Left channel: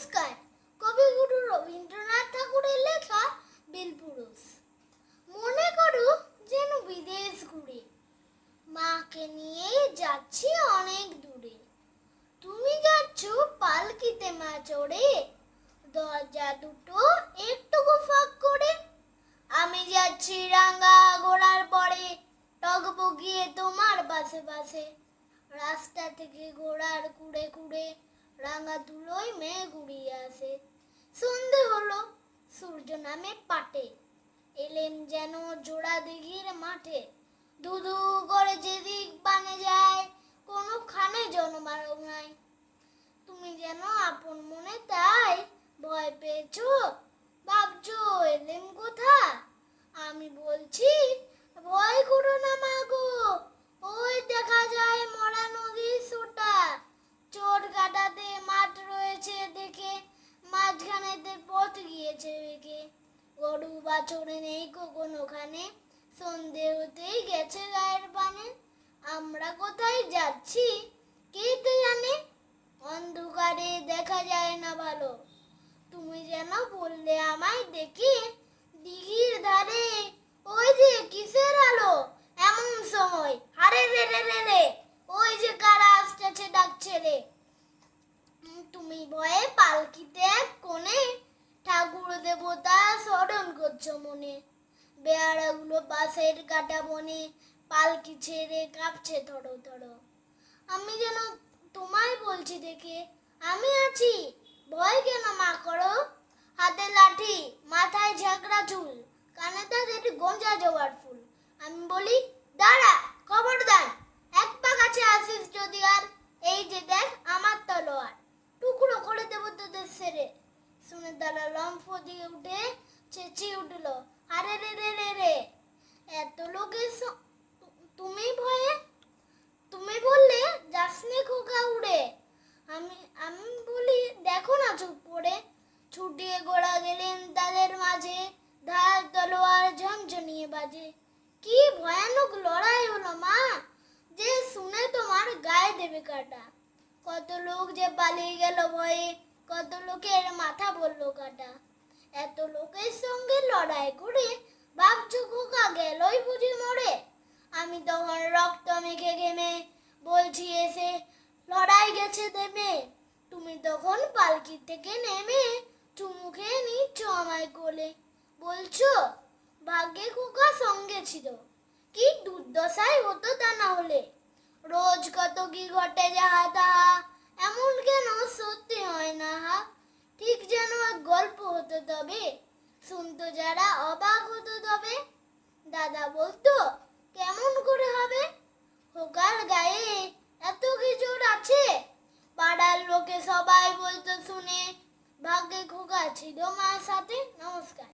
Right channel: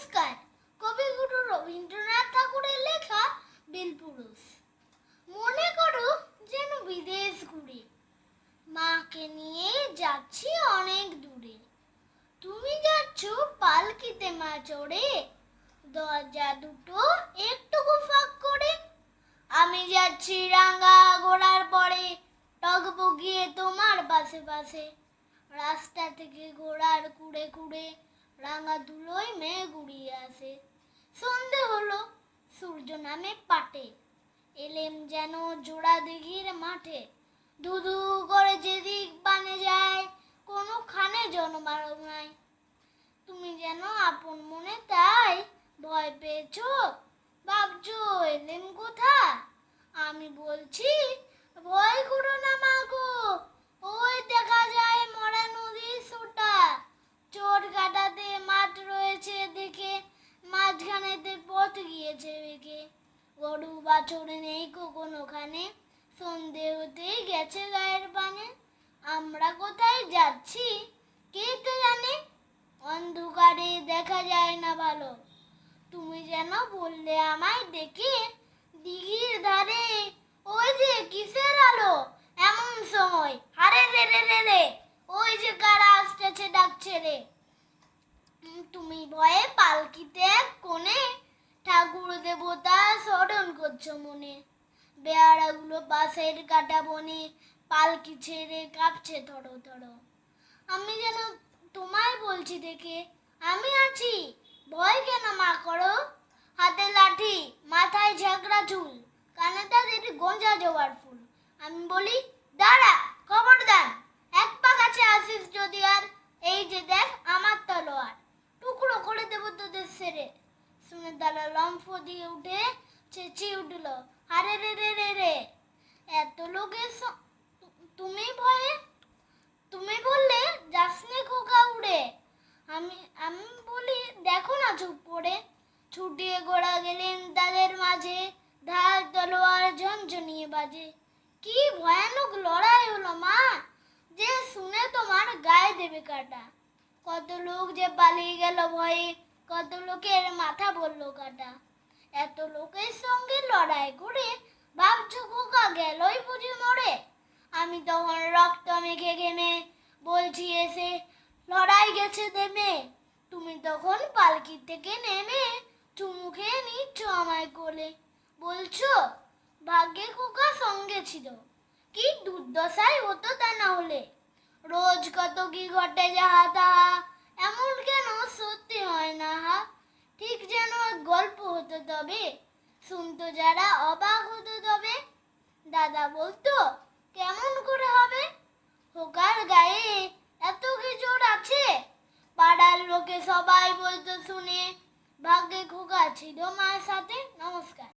নমস্কার। কবিগুরু রবীন্দ্রনাথ ঠাকুরের লেখা বীরপুরুষ। মনে করো যেন বিদেশ ঘুরে, মাকে নিয়ে যাচ্ছি অনেক দূরে। তুমি যাচ্ছ পালকিতে মা চড়ে, দরজা দুটো একটুকু ফাঁক করে। আমি যাচ্ছি রাঙা ঘোড়ার পরে, টগবগিয়ে তোমার পাশে পাশে। রাস্তা থেকে ঘোড়ার কুড়ে কুড়ে রাঙা ধুলোয় মেঘ উড়িয়ে আসে। সন্ধে হলো, সূর্য নামে পাটে, এলেম যেন জোড়া দিঘির মাঠে। ধুধু করে যেদিক বানে যায়, কোনোখানে জনমানব নাই। তুমি যেন আপন মনে তাই ভয় পেয়েছো, ভাবছো এলেম কোথা। আমি বলছি ভয় করো না মা গো, ওই দেখা যায় মরা নদীর সোটা। চোর কাটাতে মাঠ রয়েছে দেখে, মাঝখানেতে পথ গিয়েছে বেঁকে। গরু বাছুর নেই কোনোখানে, সন্ধে হতেই গেছে গায়ের পানে। আমরা কোথায় যাচ্ছি কে তো জানে, অন্ধকারে দেখা যায় না ভালো। তুমি যেন বললে আমায় ডেকে, দিঘির ধারে ওই যে কিসের আলো এমন সময়। আরে রে রে রে রে, ওই যে কারা আসতেছে ডাকছে রে। তুমি ভয়ে পালকিতে এক কোণে, ঠাকুর দেবতা স্মরণ করছো মনে। বেয়ারাগুলো পাশের কাটা বনে, পালকি ছেড়ে কাঁপছে থরো থরো। আমি যেন তোমায় বলছি দেখে, আমি আছি, ভয় কেন মা করো। হাতে লাঠি, মাথায় ঝাঁকড়া চুল, কানে তাদের গোঁজা জোয়ার ফুল। আমি বলি দাঁড়া, খবরদার, এক পা কাছে আসিস যদি আর, এই যে দেখ আমার তলোয়ার, টুকরো করে দেব তোদের সেরে। শুনে তারা লম্ফ দিয়ে উঠে চেঁচিয়ে উঠল, আরে রে রে রে রে। এত লোকের তুমি ভয়ে, তুমি বললে যাসনে খোকা উড়ে। আমি আমি বলি দেখো না চুপ করে। ছুটিয়ে গোড়া গেলেন তাদের মাঝে, ঢাল তলোয়ার ঝনঝনিয়ে বাজে। কি ভয়ানক লড়াই হলো মা, যে শুনে তোমার গায়ে দেবে কাটা। কত লোক যে পালিয়ে গেল ভয়ে, কত লোকের মাথা বলল কাটা। এত লোকের সঙ্গে লড়াই করে ভাবছো খোকা গেলই বুঝি মরে। আমি তখন রক্ত মেখে ঘেমে বলছি এসে, লড়াই গেছে দেমে। তুমি তখন পালকি থেকে নেমে চুমু খেয়ে নিচ্ছ আমায় কোলে। বলছো ভাগ্যে খোকা সঙ্গে ছিল, কি দুর্দশাই হতো তা না হলে। রোজ কত কি ঘটে যাহা তাহা, এমন কেন সত্যি হয় না হা। ঠিক যেন এক গল্প হতো তবে, শুনতো যারা অবাক হতো তবে। দাদা বলতো কেমন করে হবে, খোকার গায়ে এত কি জোর আছে। পাড়ার লোকে সবাই বলতো শুনে, ভাগ্যে খোকা ছিল মার সাথে। নমস্কার।